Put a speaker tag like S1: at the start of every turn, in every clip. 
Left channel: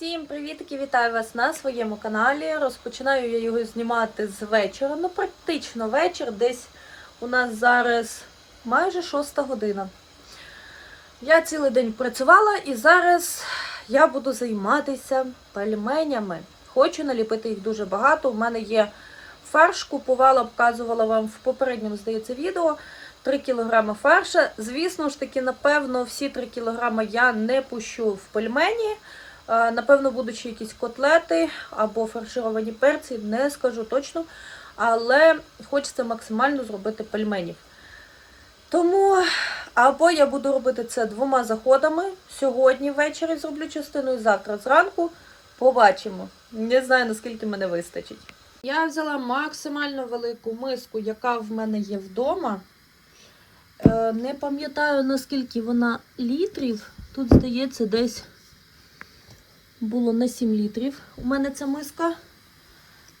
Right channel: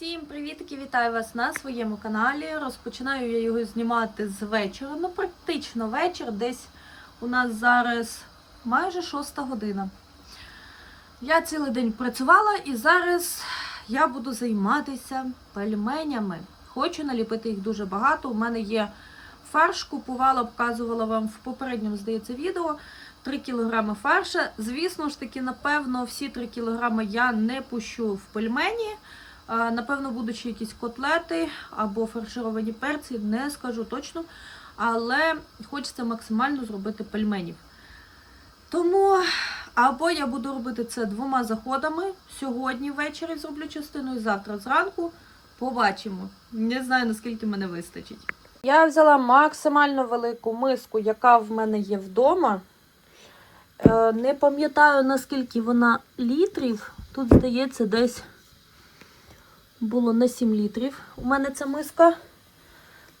S1: Всім привітки! Вітаю вас на своєму каналі. Розпочинаю я його знімати з вечора. Ну, практично вечір. Десь у нас зараз майже шоста година. Я цілий день працювала і зараз я буду займатися пельменями. Хочу наліпити їх дуже багато. У мене є фарш, купувала, показувала вам в попередньому, здається, відео. 3 кг фарша. Звісно ж таки, напевно, всі 3 кг я не пущу в пельмені. Напевно, будуть ще якісь котлети або фаршировані перці, не скажу точно. Але хочеться максимально зробити пельменів. Тому або я буду робити це двома заходами. Сьогодні ввечері зроблю частину і завтра зранку. Побачимо. Не знаю, наскільки мене вистачить. Я взяла максимально велику миску, яка в мене є вдома. Е, Не пам'ятаю, наскільки вона літрів. Тут, здається, десь було на 7 літрів. У мене ця миска.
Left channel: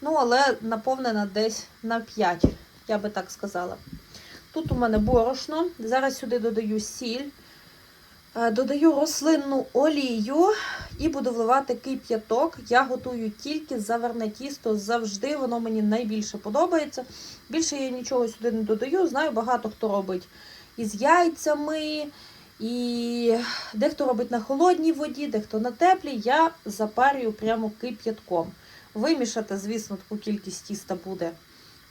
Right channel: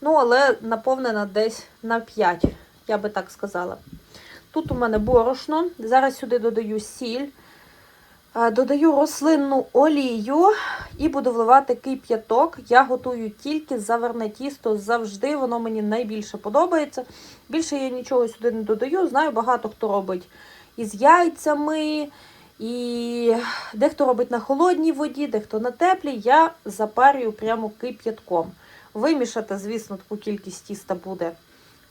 S1: Ну, але наповнена десь на 5, я би так сказала. Тут у мене борошно. Зараз сюди додаю сіль, е, додаю рослинну олію і буду вливати кип'яток. Я готую тільки заверне тісто. Завжди воно мені найбільше подобається. Більше я нічого сюди не додаю. Знаю, багато хто робить із яйцями. І дехто робить на холодній воді, дехто на теплій. Я запарюю прямо кип'ятком. Вимішати, звісно, таку кількість тіста буде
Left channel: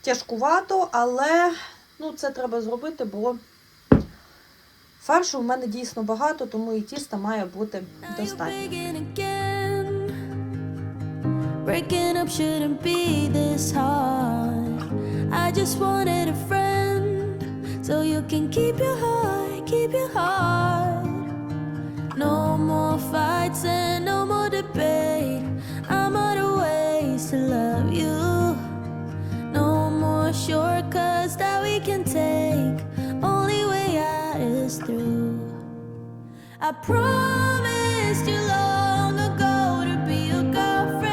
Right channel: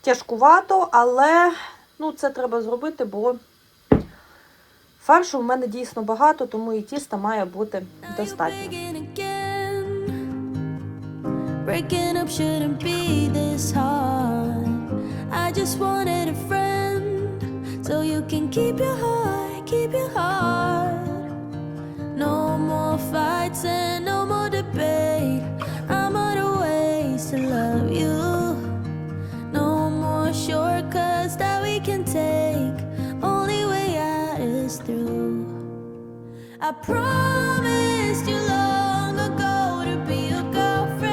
S1: тяжкувато, але ну, це треба зробити, бо фаршу в мене дійсно багато, тому і тіста має бути достатньо.
S2: Breaking up shouldn't be this hard. I just wanted a friend so you can keep your heart, keep your heart. No more fights and no more debate. I'm out of ways to love you. No more shortcuts that we can take. Only way out is through. I promised you long ago to be your girlfriend,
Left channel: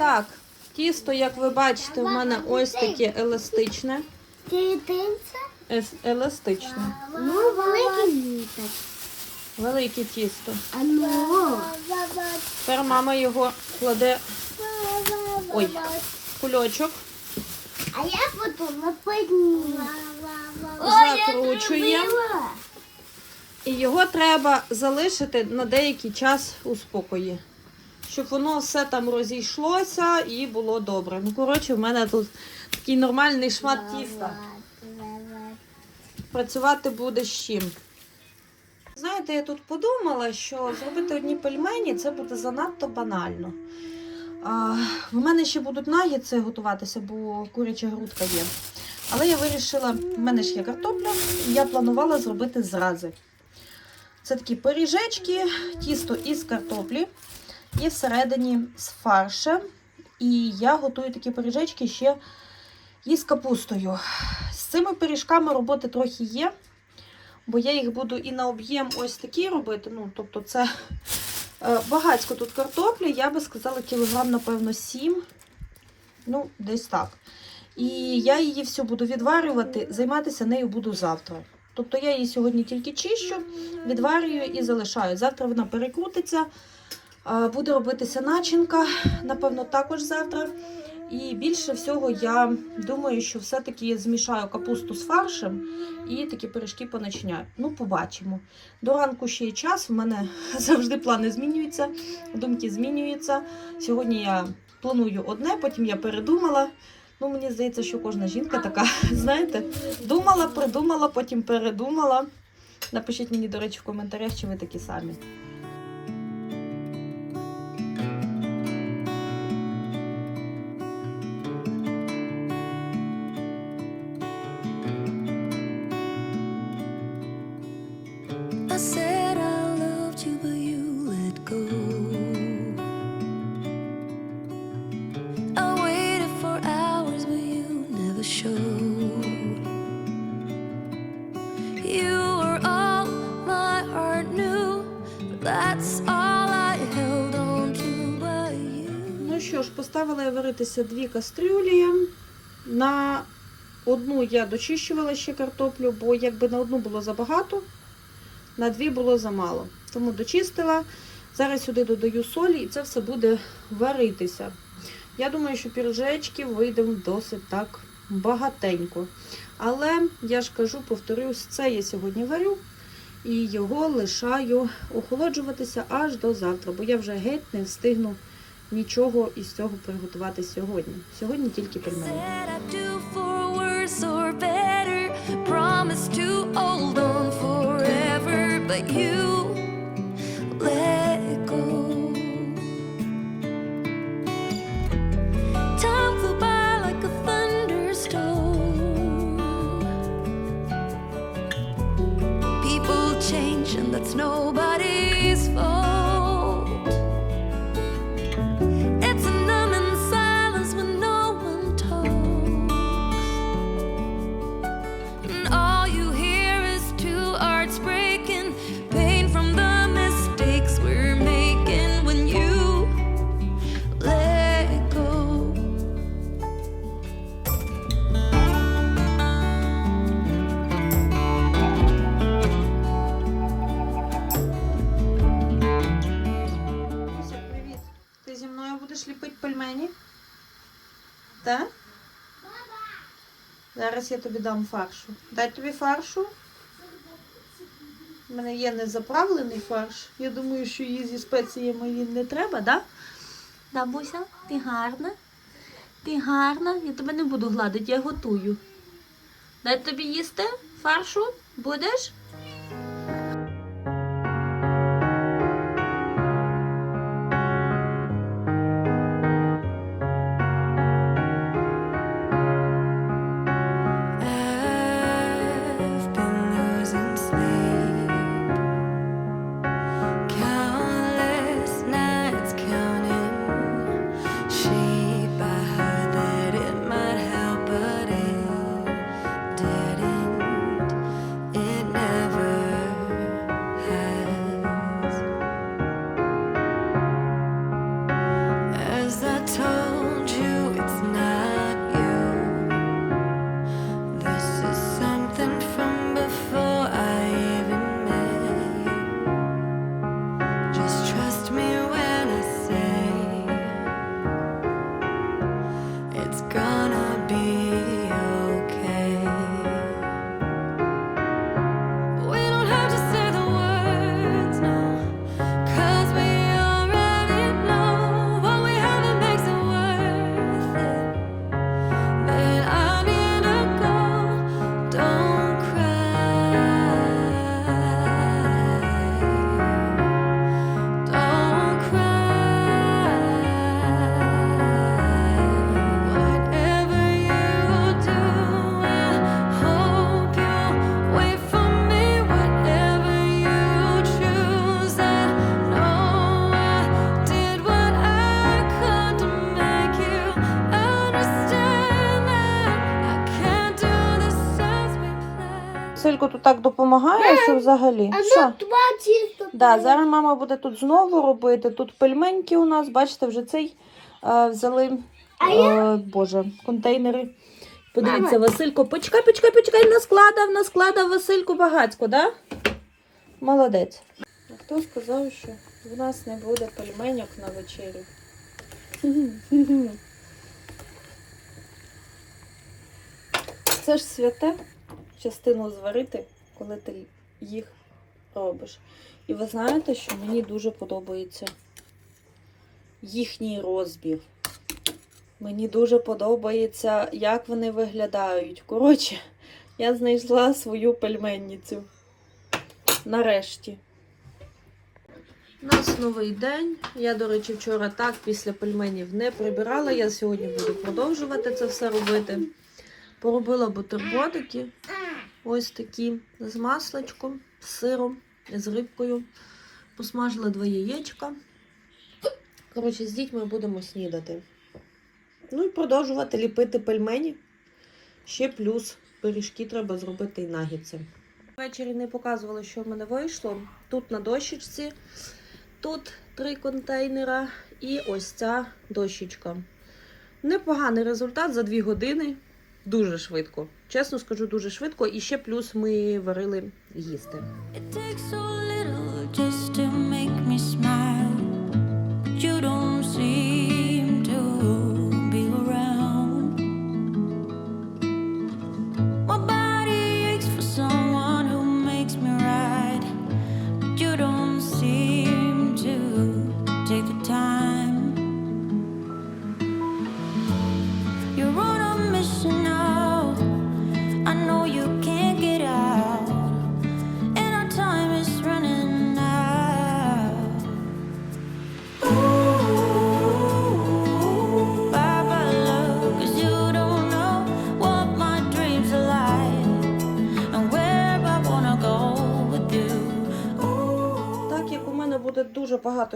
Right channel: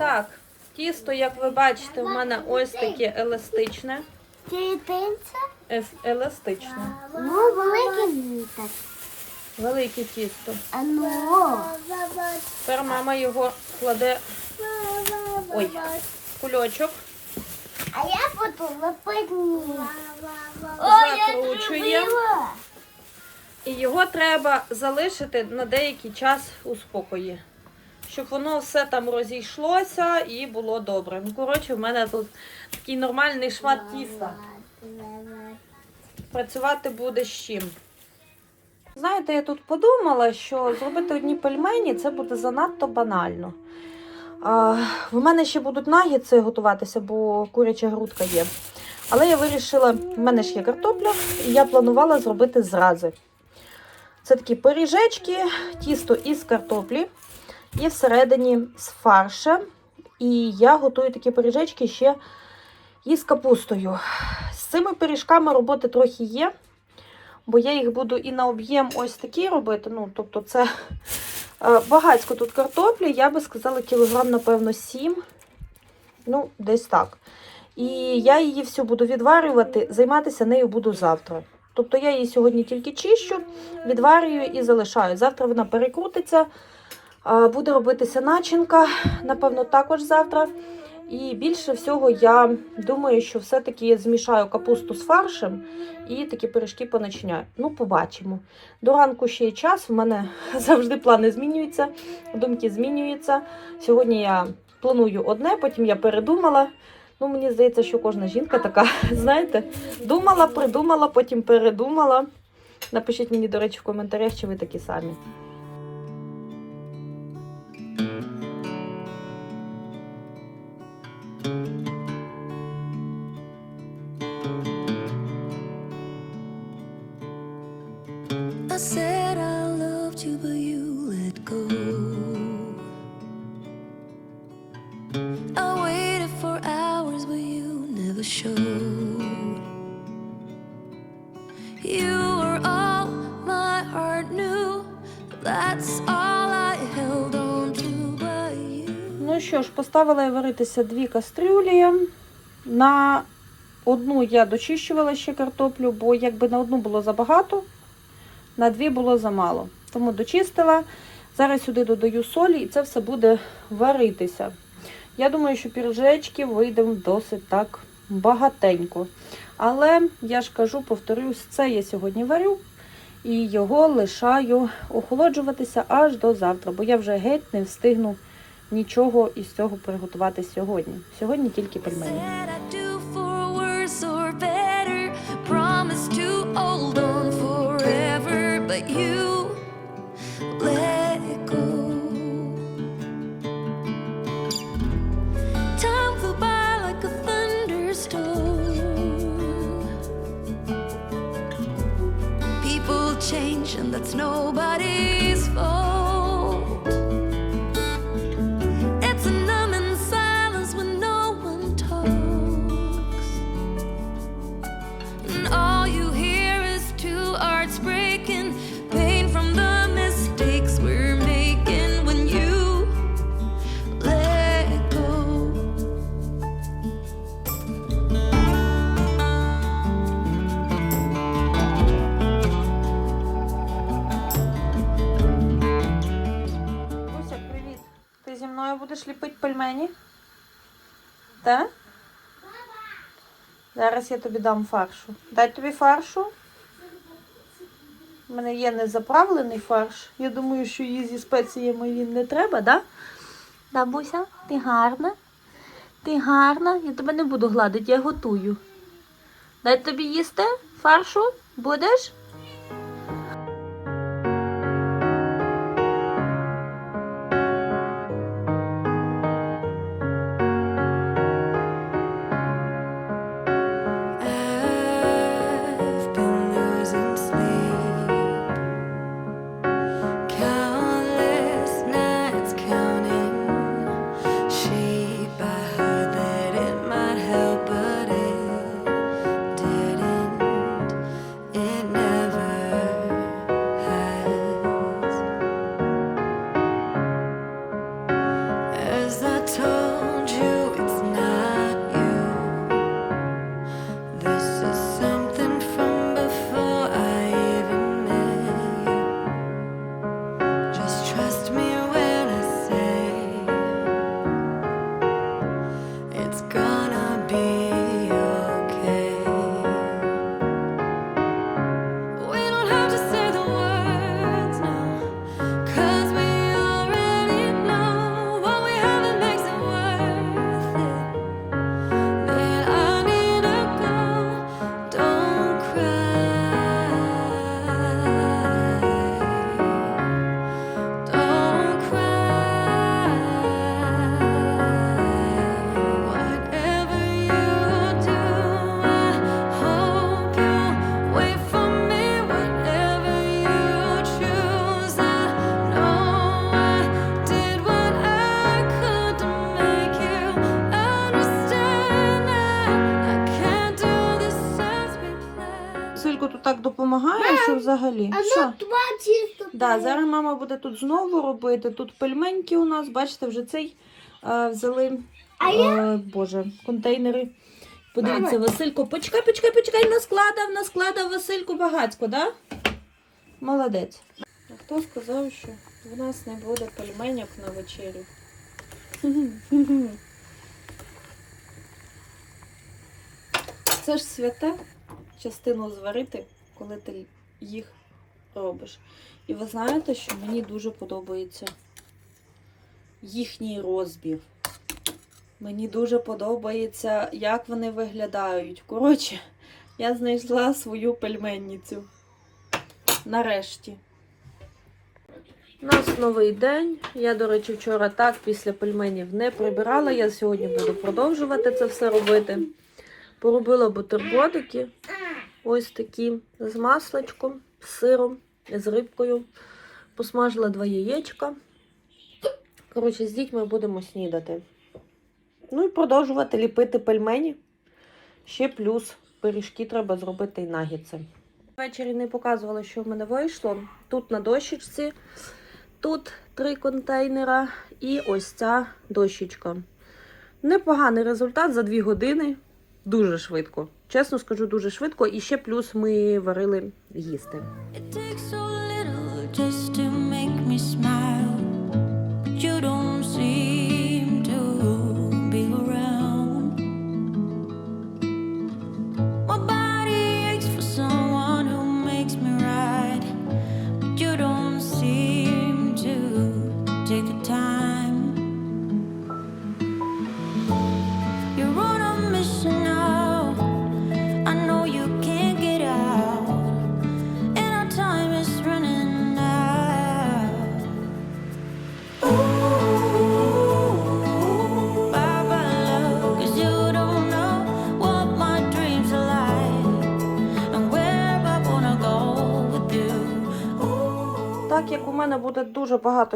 S1: так, тісто, як ви бачите, у мене ось таке еластичне.
S3: Ти
S1: Еластичне.
S3: Ну, велике літак.
S1: Велике тісто. Тепер мама його кладе Ой. в кульочок.
S3: А я буду лепити.
S1: Закручує. І його треба залишити на деякий час у спокої, щоб воно все там розійшлося і було добре. Ну, коротше, в мене тут такий нормальний шмат тіста. Працювати буде з чим. Знаєте, я тут подумала, що зробити одні пельмені це буде занадто банально. А, в мене ще будуть нагідці готуватися, бо куряча грудка є. Але я вирішила, в мене ж є картопля, і я планувала зробити зрази. Це такі пиріжечки, тісто із картоплі і всередині з фарша. І я готую такі пиріжечки ще із капустою. З цими пиріжками роботи трохи є, бо я їх буду і на об'єм ось такі робити. Ну, тобто, це е, багатько тут картоплі, я би сказала, кілограм, напевно, 7. Ну, десь так. І я її всю буду відварювати, займатися нею буду завтра. Тобто я її сьогодні тільки чищу, відварюю і залишаю. Завтра вона перекрутиться, буде робитися начинка, напевно, також завтра. І більше всього я думаю, що все-таки змішаю капусту з фаршем і такі пиріжки поначиняю. Ну, побачимо. До ранку ще є час, в мене завжди плани змінюються, думки змінюються. Сьогодні я планую одне, потім я передумала. Ну, мені здається, що кожна жінка така, знаєте, думала, придумала, потім передумала. Напишіть мені, до речі, в коментарях, чи ви такі самі. Поставила я варитися дві кастрюлі. На одну я дочищувала ще картоплю, бо якби на одну було забагато, на дві було замало. Тому дочистила. Зараз сюди додаю солі і це все буде варитися. Я думаю, що піржечки вийде досить так багатенько. Але я ж кажу, повторюсь, це я сьогодні варю і його лишаю охолоджуватися аж до завтра, бо я вже геть не встигну нічого із цього приготувати сьогодні. Сьогодні тільки пельмені.
S2: Said I'd do for worse
S1: пельмені? Так? Зараз я тобі дам фаршу. Дай тобі фаршу. У мене є незаправлений фарш. Я думаю, що її зі спеціями він не треба, да? Да, Буся, ти гарна. Ти гарна. Я тебе не буду гладити, я готую. Дай тобі їсти фаршу? Будеш? Так допомагає, що взагалі.
S3: А
S1: Що?
S3: ну два чисто.
S1: Да, зараз мама буде тут знову робити. Тут пельменьки у нас, бачите, вже цей е, взяли
S3: А
S1: е, боже, контейнери. Подивіться, Василько, почекай, почекай, почекай, наскладав, наскладав Васильку багацько, да? Молодець. А хто сказав, що в нас не буде пельменьок на вечерю? Це ж святе частину зварити, коли ти їх робиш. І ви знаєте, що мені дуже подобається їхній розбір. Мені дуже подобається, як вони виглядають. Коротше, я знайшла свою пельменницю. Нарешті. У нас новий день. Я, до речі, вчора так після пельменів не прибирала. Я сьогодні буду продовжувати це все робити. Поробила бутербродики. Ось такі з масличком, з сиром, з рибкою. Посмажила два яєчка. Коротше, з дітьми будемо снідати. Ну і продовжувати ліпити пельмені. Ще плюс пиріжки треба зробити і нагідці. Ввечері не показувала, що в мене вийшло. Тут на дощечці Тут три контейнера і ось ця дощечка. Непоганий результат за дві години. Дуже швидко. Чесно скажу, дуже швидко. І ще плюс ми варили їсти.
S2: It takes so little just to make me smile.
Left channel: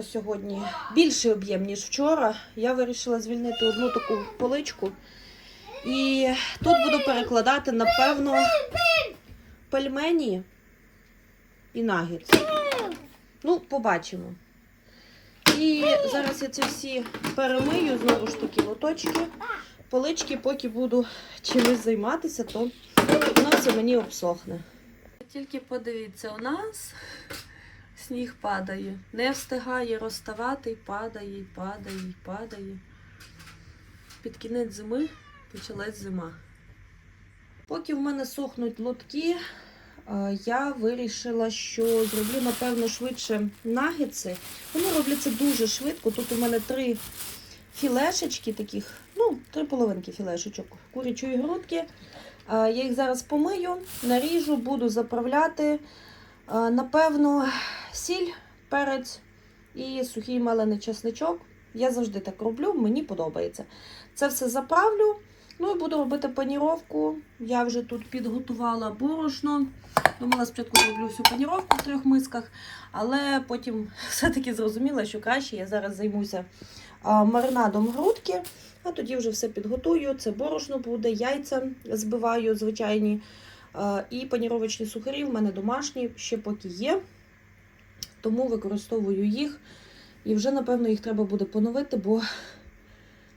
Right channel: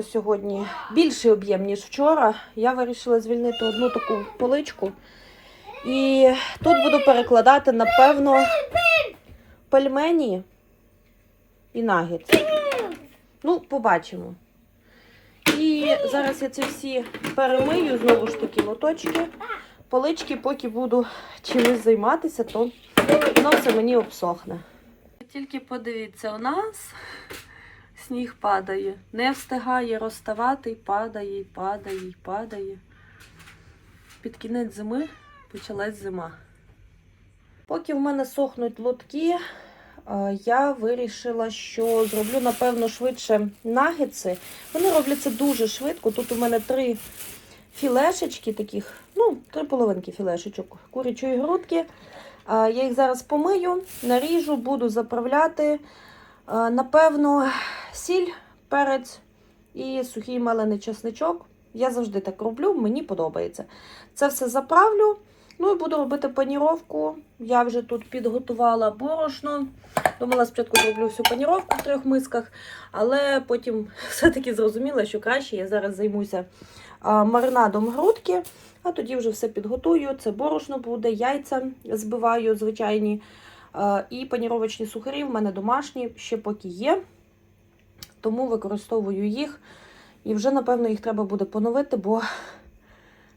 S1: Сьогодні, більший об'єм, ніж вчора, я вирішила звільнити одну таку поличку. І тут буду перекладати, напевно, пельмені і нагетс. Ну, побачимо. І зараз я ці всі перемию, знову ж таки, лоточки. Полички, поки буду чимось займатися, то воно все мені обсохне. Тільки подивіться, у нас сніг падає. Не встигає розставати, і падає, і падає, і падає. Під кінець зими почалась зима. Поки в мене сохнуть лотки, е, я вирішила, що зроблю, напевно, швидше нагетси. Вони робляться дуже швидко. Тут у мене три філешечки таких, ну, три половинки філешечок курячої грудки. Е, Я їх зараз помию, наріжу, буду заправляти. Е, Напевно, сіль, перець і сухий мелений чесничок. Я завжди так роблю, мені подобається. Це все заправлю. Ну і буду робити паніровку. Я вже тут підготувала борошно. Думала, спочатку зроблю всю паніровку в трьох мисках, але потім все-таки зрозуміла, що краще я зараз займуся маринадом грудки, а тоді вже все підготую. Це борошно буде, яйця збиваю звичайні. І паніровочні сухарі в мене домашні, ще поки є. Тому використовую їх. І вже, напевно, їх треба буде поновити, бо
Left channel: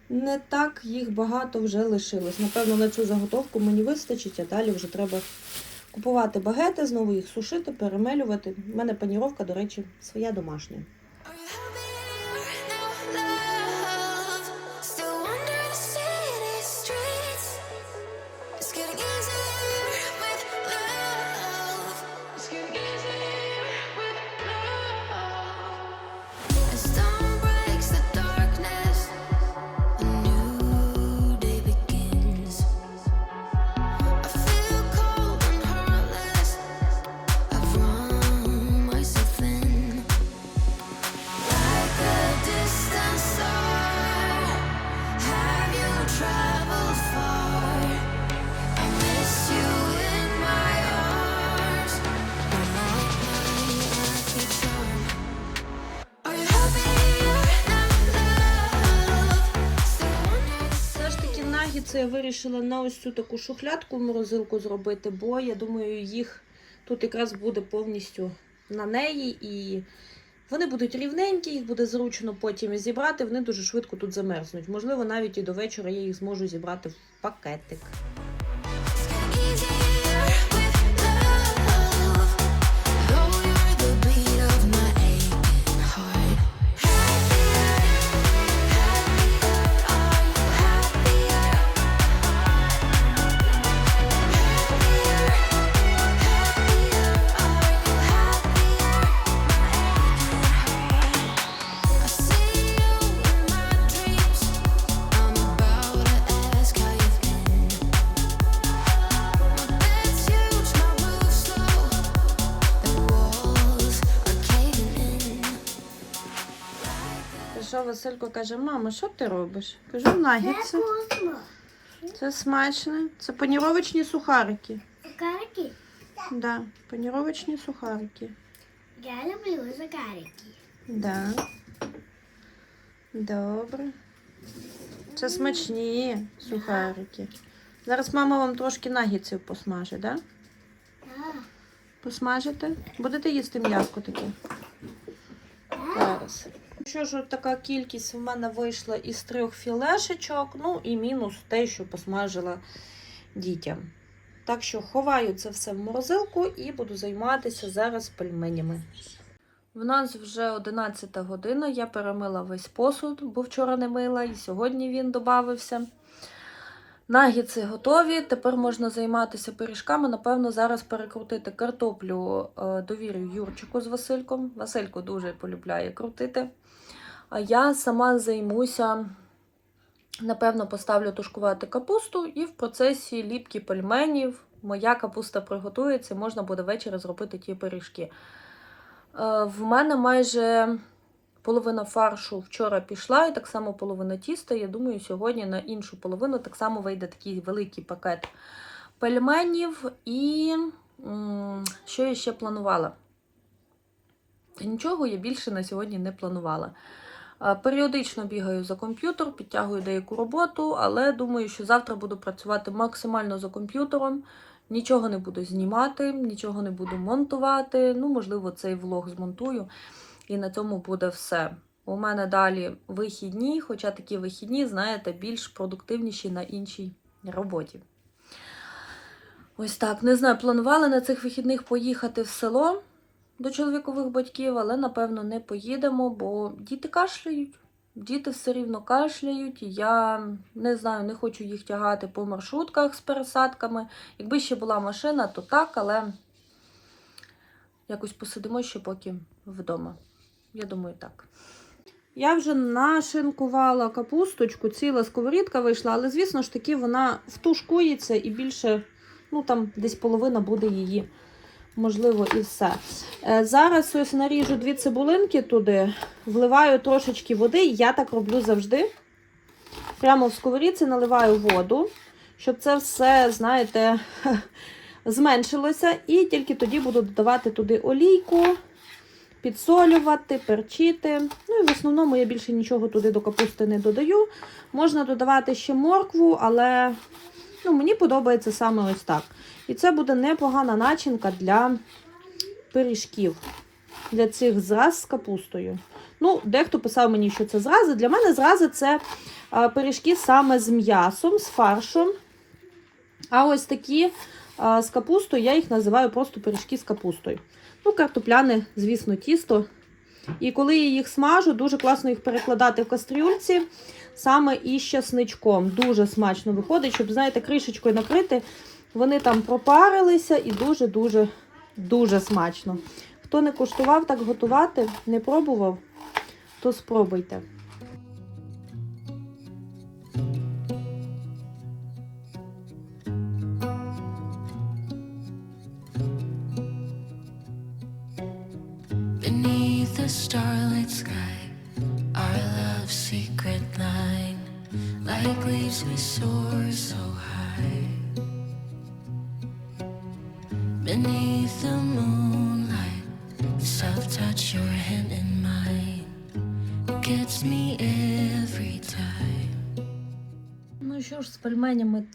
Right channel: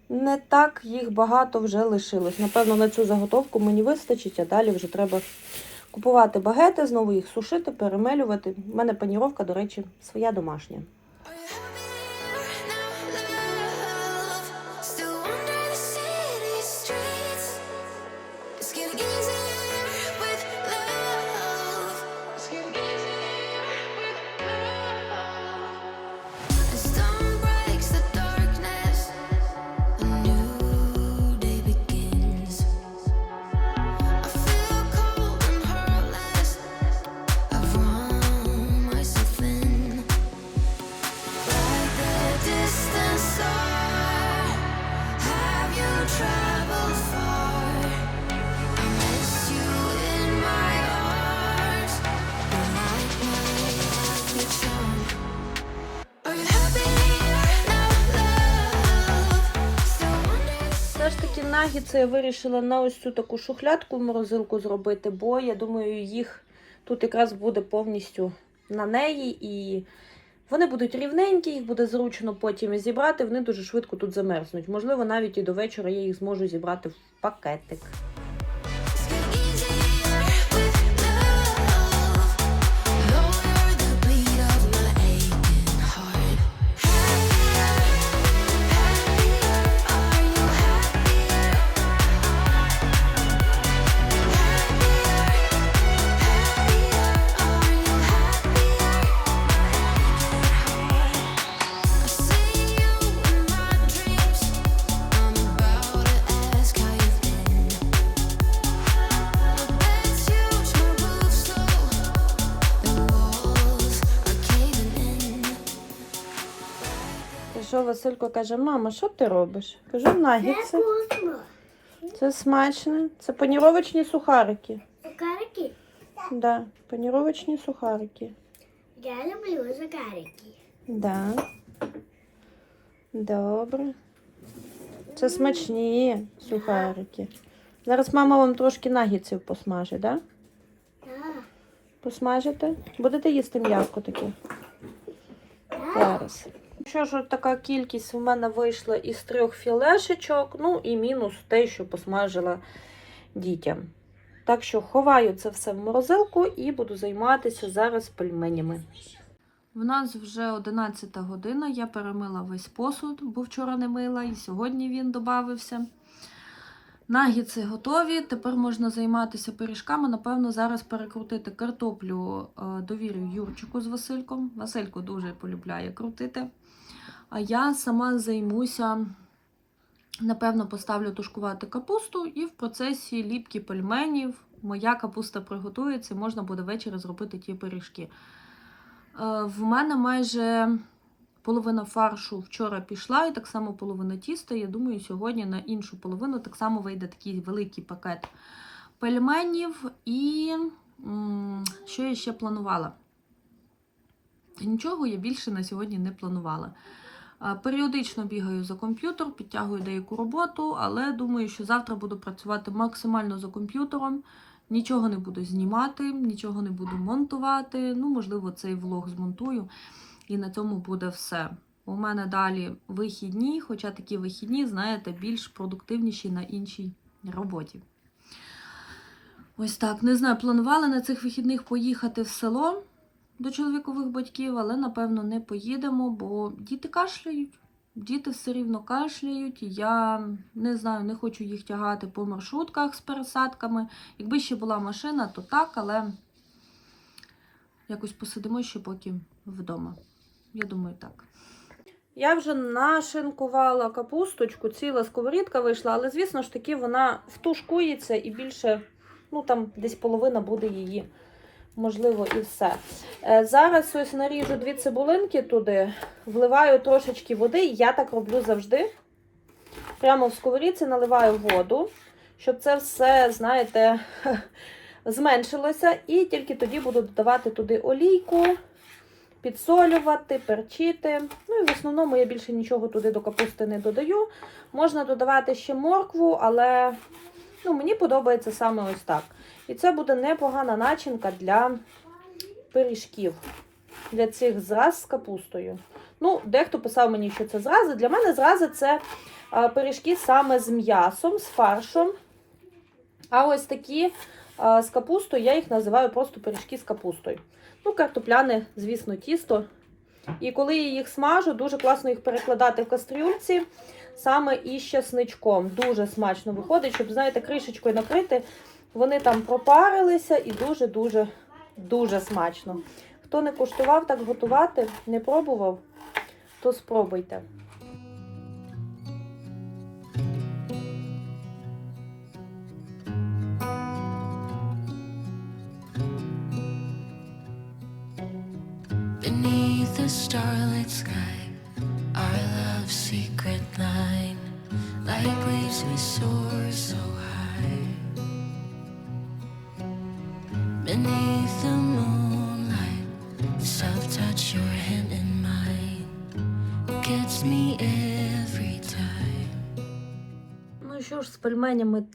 S1: не так їх багато вже лишилось. Напевно, на цю заготовку мені вистачить, а далі вже треба купувати багети, знову їх сушити, перемелювати. У мене паніровка, до речі, своя домашня. Ж я вирішила на ось цю таку шухлядку в морозилку зробити, бо я думаю, їх тут якраз буде повністю на неї і вони будуть рівненькі, їх буде зручно потім зібрати. Вони дуже швидко тут замерзнуть. Можливо, навіть і до вечора я їх зможу зібрати в пакетик. Василько каже: мама, що ти робиш? Кажу.
S3: Вкусно.
S1: Це смачне. Це паніровочні сухарики.
S3: Закарики?
S1: Да, паніровочні сухарики.
S3: Я люблю закарики.
S1: Да. Добре. Це смачні сухарики. Зараз мама вам трошки нагідців посмажить, да?
S3: Так.
S1: Посмажите? Будете їсти м'яско таке?
S3: Так.
S1: Так. зараз. Що ж, така кількість в мене вийшла із трьох філешечок, ну і мінус те, що посмажила дітям. Так що ховаю це все в морозилку і буду займатися зараз пельменями. В нас вже 11 година, я перемила весь посуд, бо вчора не мила, і сьогодні він додався. Нагідці готові. Тепер можна займатися пиріжками. Напевно, зараз перекрутити картоплю е, довірю Юрчику з Васильком. Василько дуже полюбляє крутити. А я сама займуся, напевно, поставлю тушкувати капусту, і в процесі ліпки пельменів моя капуста приготується, можна буде ввечері зробити ті пиріжки. Е, В мене майже половина фаршу вчора пішла, і так само половина тіста. Я думаю, сьогодні на іншу половину так само вийде такий великий пакет пельменів. І що я ще планувала? Нічого я більше на сьогодні не планувала. Е, Періодично бігаю за комп'ютер, підтягую деяку роботу, але думаю, що завтра буду працювати максимально за комп'ютером. Нічого не буду знімати, нічого не буду монтувати. Ну, можливо, цей влог змонтую. І на цьому буде все. У мене далі вихідні, хоча такі вихідні, знаєте, більш продуктивніші на іншій роботі. Ось так. Не знаю, планували на цих вихідних поїхати в село до чоловікових батьків, але напевно не поїдемо, бо діти кашляють. Діти все рівно кашляють. Я не знаю, не хочу їх тягати по маршрутках з пересадками. Якби ще була машина, то так, але якось посидимо ще поки вдома. Я думаю, так. Я вже нашинкувала капусточку, ціла сковорідка вийшла, але, звісно ж таки, вона втушкується і більше, ну там десь половина буде її, можливо, і все. Е, Зараз ось наріжу дві цибулинки туди, вливаю трошечки води, я так роблю завжди. Прямо в сковорідці наливаю воду, щоб це все, знаєте, зменшилося. І тільки тоді буду додавати туди олійку, підсолювати, перчити. Ну і в основному я більше нічого туди до капусти не додаю. Можна додавати ще моркву, але ну, мені подобається саме ось так. І це буде непогана начинка для пиріжків, для цих зраз з капустою. Ну, дехто писав мені, що це зрази. Для мене зрази це пиріжки саме з м'ясом, з фаршем. А ось такі з капустою, я їх називаю просто пиріжки з капустою. Ну, картопляне, звісно, тісто. І коли я їх смажу, дуже класно їх перекладати в кастрюльці, саме із часничком. Дуже смачно виходить, щоб, знаєте, кришечкою накрити. Вони там пропарилися і дуже-дуже дуже смачно. Хто не куштував так готувати, не пробував, то спробуйте.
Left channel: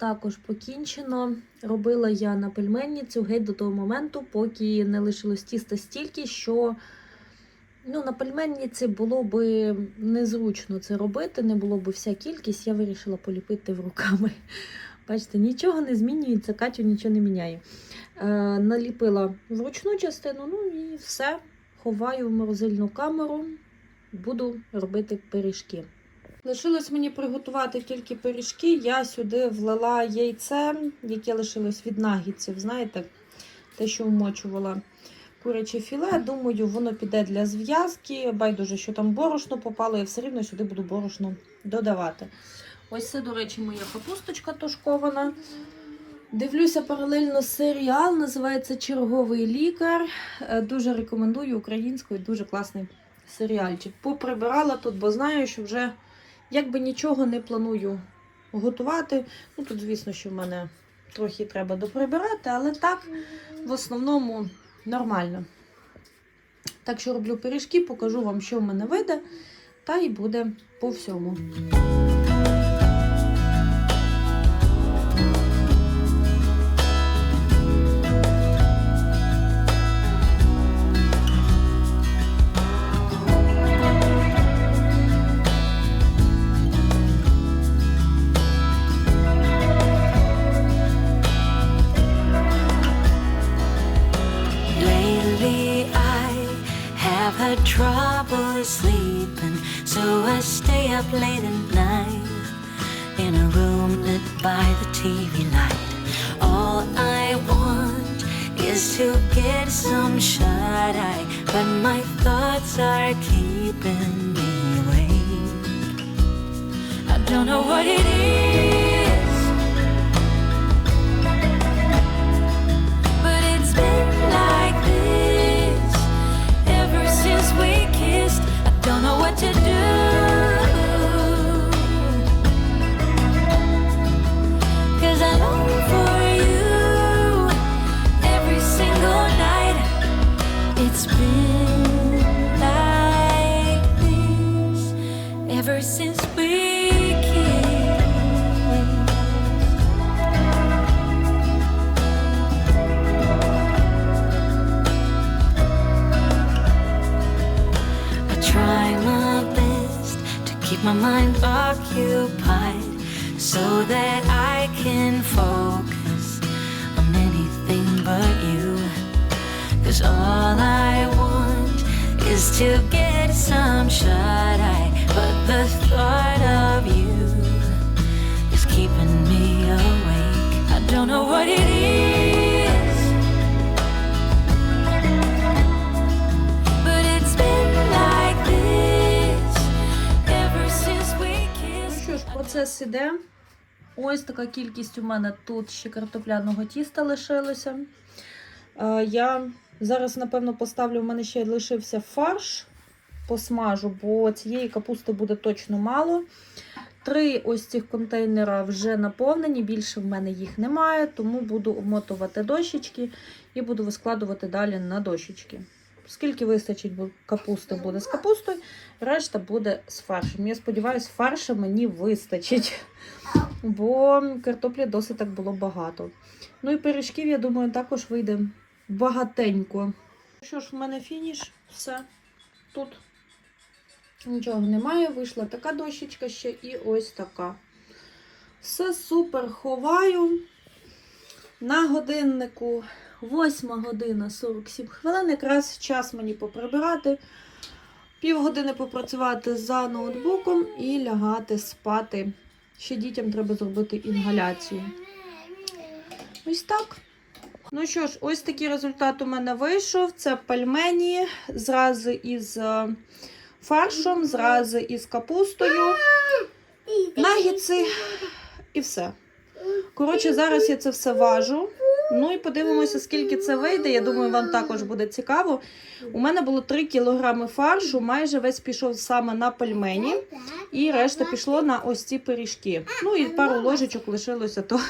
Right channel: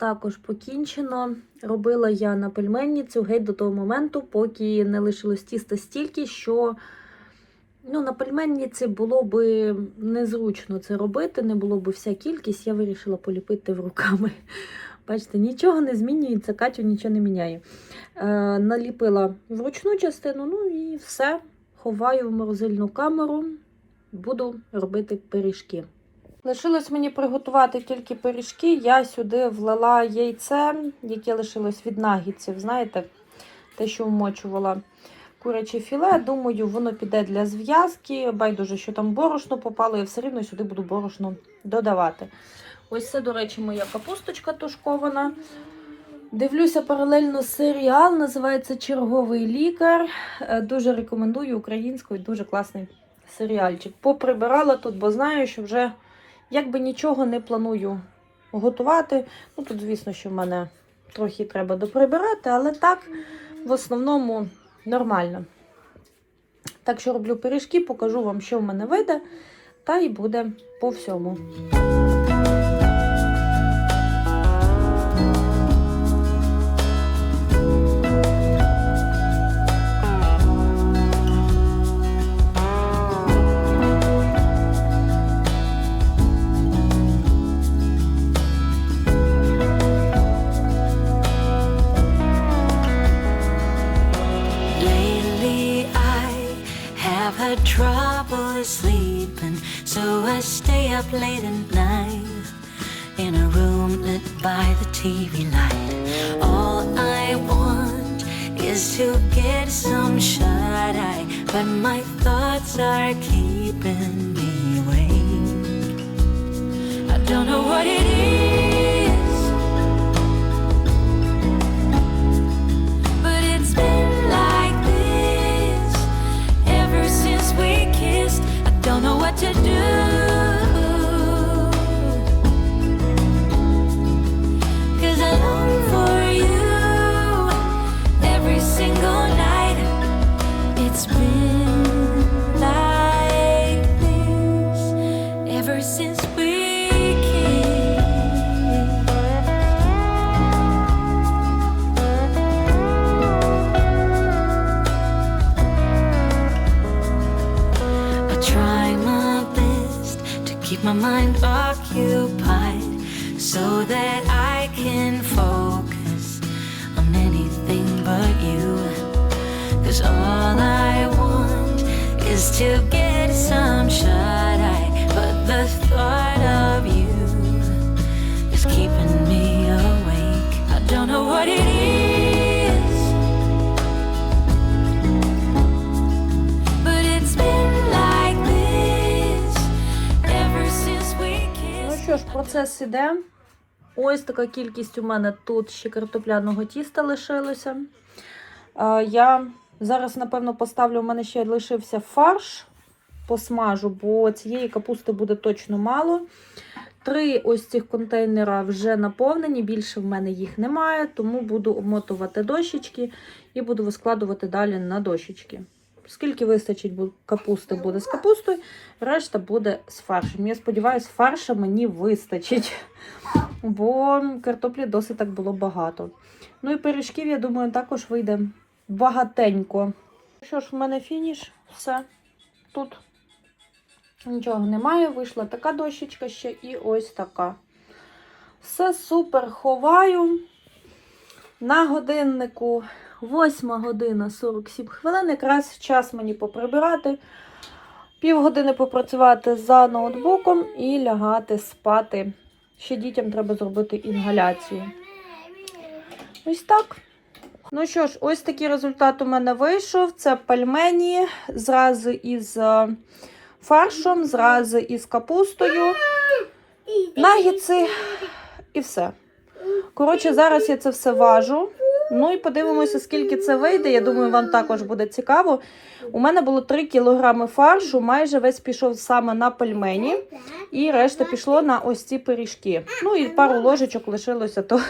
S1: Також покінчено. Робила я на пельменницю геть до того моменту, поки не лишилось тіста стільки, що ну, на пельменниці було би незручно це робити, не було б вся кількість, я вирішила поліпити в руками. Бачите, нічого не змінюється, Катю нічого не міняє. Е, наліпила вручну частину, ну і все. Ховаю в морозильну камеру, буду робити пиріжки. Лишилось мені приготувати тільки пиріжки. Я сюди влила яйце, яке лишилось від нагідців. Знаєте, те, що вмочувала куряче філе. Думаю, воно піде для зв'язки. Байдуже, що там борошно попало, я все рівно сюди буду борошно додавати. Ось це, до речі, моя капусточка тушкована. Дивлюся паралельно серіал, називається Черговий лікар. Е, Дуже рекомендую українською, дуже класний серіальчик. Поприбирала тут, бо знаю, що вже якби нічого не планую готувати. Ну тут, звісно, що в мене трохи треба доприбирати, але так, в основному нормально. Так що роблю пиріжки, покажу вам, що в мене вийде, та і буде по всьому.
S2: TV light. All I want is to get some shut eye, but my thoughts are keeping me awake. I don't know what it is, but it's been like this ever since we kissed. I don't know what to do. Keep my mind occupied so that I can focus on anything but you. Cause all I want is to get some shut eye, but the thought of you is keeping me awake. I don't know what it is.
S1: Процес іде. Ось така кількість у мене тут ще картопляного тіста лишилося. Е, Я зараз, напевно, поставлю, у мене ще лишився фарш, посмажу, бо цієї капусти буде точно мало. Три ось цих контейнера вже наповнені, більше в мене їх немає, тому буду обмотувати дощечки і буду вискладувати далі на дощечки. Скільки вистачить капусти буде з капустою, решта буде з фаршем. Я сподіваюся, фарша мені вистачить, бо картоплі досить так було багато. Ну і пиріжків, я думаю, також вийде багатенько. Що ж, в мене фініш, все. Тут нічого немає. Вийшла така дощечка ще і ось така. Все супер ховаю. На годиннику 8 година 47 хвилин. Якраз час мені поприбирати. Півгодини попрацювати за ноутбуком і лягати спати. Ще дітям треба зробити інгаляцію. Ось так. Ну що ж, ось такий результат у мене вийшов. Це пельмені зразу із е, фаршем, зразу із капустою, нагідси і все. Коротше, зараз я це все важу. Ну і подивимося, скільки це вийде. Я думаю, вам також буде цікаво. У мене було 3 кілограми фаршу, майже весь пішов саме на пельмені, і решта пішло на ось ці пиріжки. Ну і пару ложечок лишилося, то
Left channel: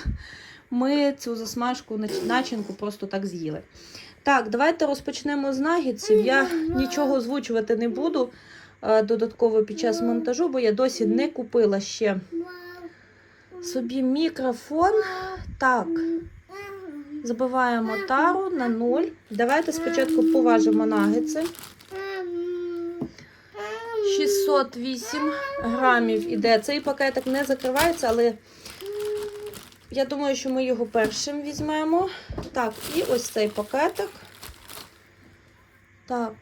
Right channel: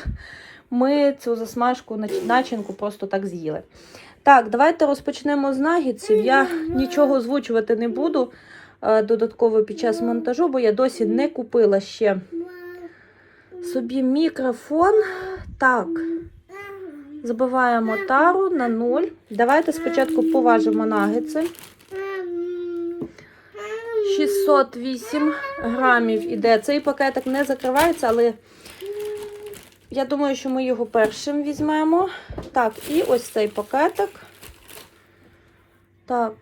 S1: ми цю засмажку начинку просто так з'їли. Так, давайте розпочнемо з нагідців. Я нічого озвучувати не буду е, додатково під час монтажу, бо я досі не купила ще собі мікрофон. Так, забиваємо тару на 0. Давайте спочатку поважимо нагетси. 608 грамів іде. Цей пакетик не закривається, але я думаю, що ми його першим візьмемо. Так, і ось цей пакетик. Так,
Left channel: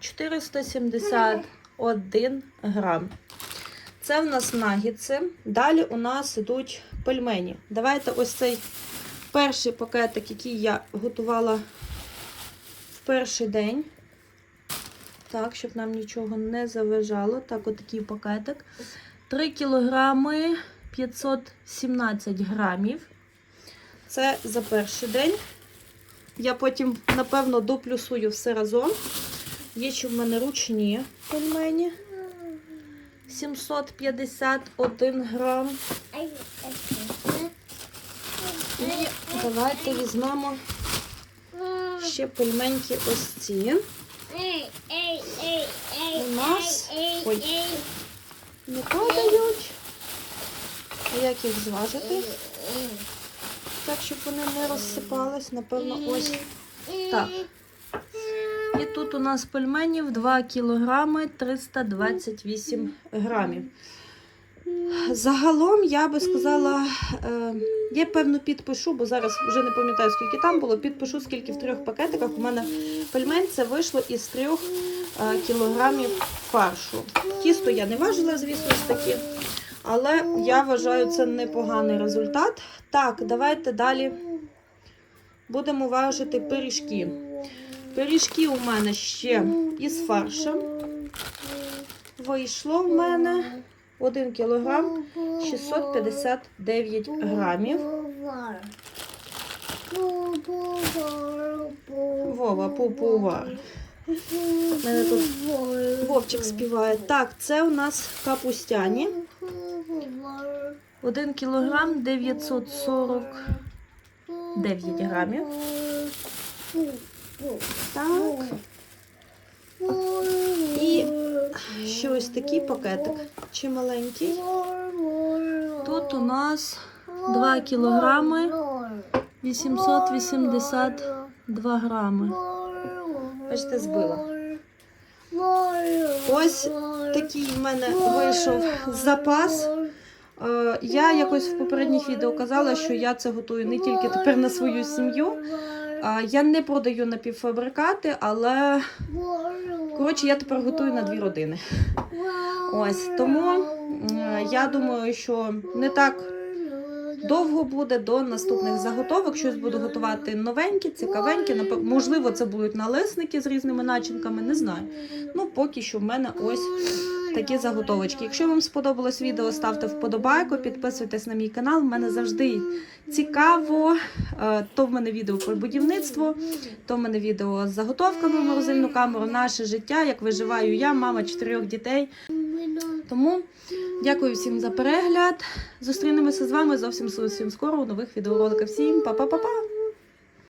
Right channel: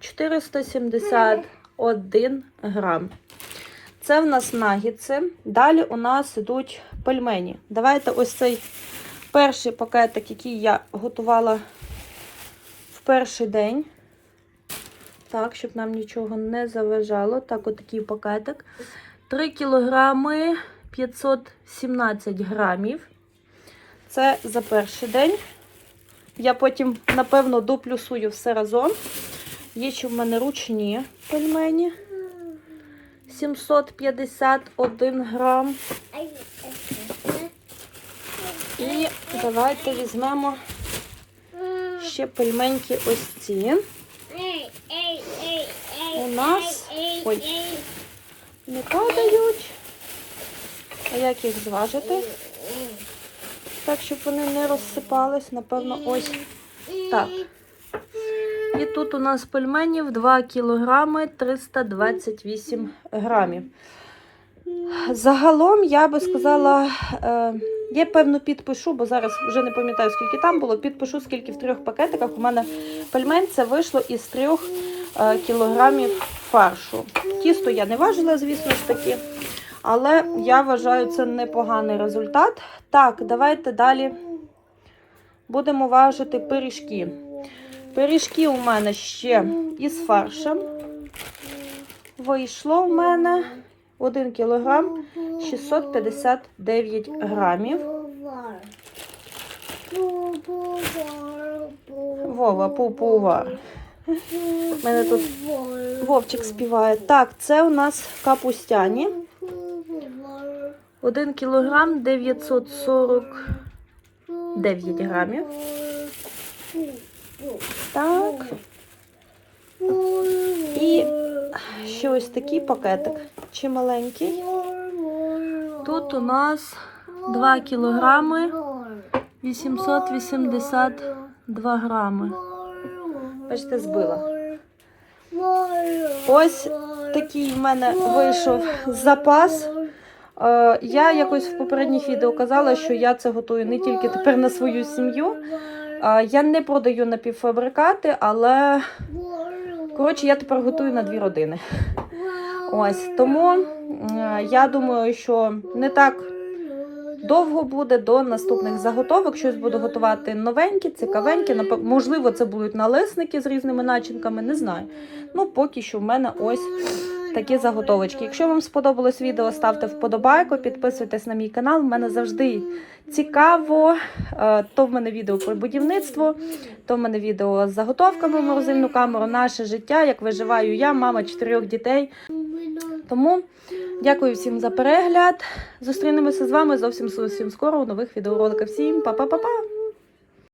S1: 471 грам. Це в нас нагідси. Далі у нас йдуть пельмені. Давайте ось цей перший пакетик, який я готувала в перший день. Так, щоб нам нічого не заважало. Так, отакий пакетик. 3 кілограми 517 грамів. Це за перший день. Я потім, напевно, доплюсую все разом. Є ще в мене ручні пельмені. 751 грам. Давайте візьмемо ще пельменьки ось ці. У нас ой, не падають. А як їх зважити? Так, щоб вони не розсипались, напевно, ось так. І тут у нас пельменів 2 кілограми 328 грамів. Загалом я би сказала, е, я певно підпишу, бо зараз вже не пам'ятаю, скільки там було. Підпишу, скільки в трьох пакетиках у мене пельмень це вийшло із трьох е, кілограмів фаршу. Тісто я не важила, звісно ж таки, але я вважаю це непоганий результат. Так, давайте далі будемо важити пиріжки. Пиріжки у мене ще із фаршем. Вийшло у мене 1 кілограм 659 грамів. Вова, пупувар. У мене тут Вовчик співає. Так, це у нас капустяні. 1 кілограм 949 грамів. Так. І ще ось такий пакетик чималенький. Тут у нас 2 кілограми 882 грами. Бачите, збила. Ось такий в мене вийшов запас. Е, Я якось в попередніх відео казала, що я це готую не тільки тепер на свою сім'ю. Е, Я не продаю напівфабрикати, але коротше, я тепер готую на дві родини. Ось тому я думаю, що не так довго буде до наступних заготовок. Щось буду готувати новеньке, цікавеньке. Можливо, це будуть налисники з різними начинками, не знаю. Ну, поки що в мене ось такі заготовочки. Якщо вам сподобалось відео, ставте вподобайку, підписуйтесь на мій канал. У мене завжди цікаво. Е, То в мене відео про будівництво, то в мене відео з заготовками в морозильну камеру, наше життя, як виживаю я, мама чотирьох дітей. Тому дякую всім за перегляд. Зустрінемося з вами зовсім зовсім скоро у нових відеороликах. Всім па-па-па-па!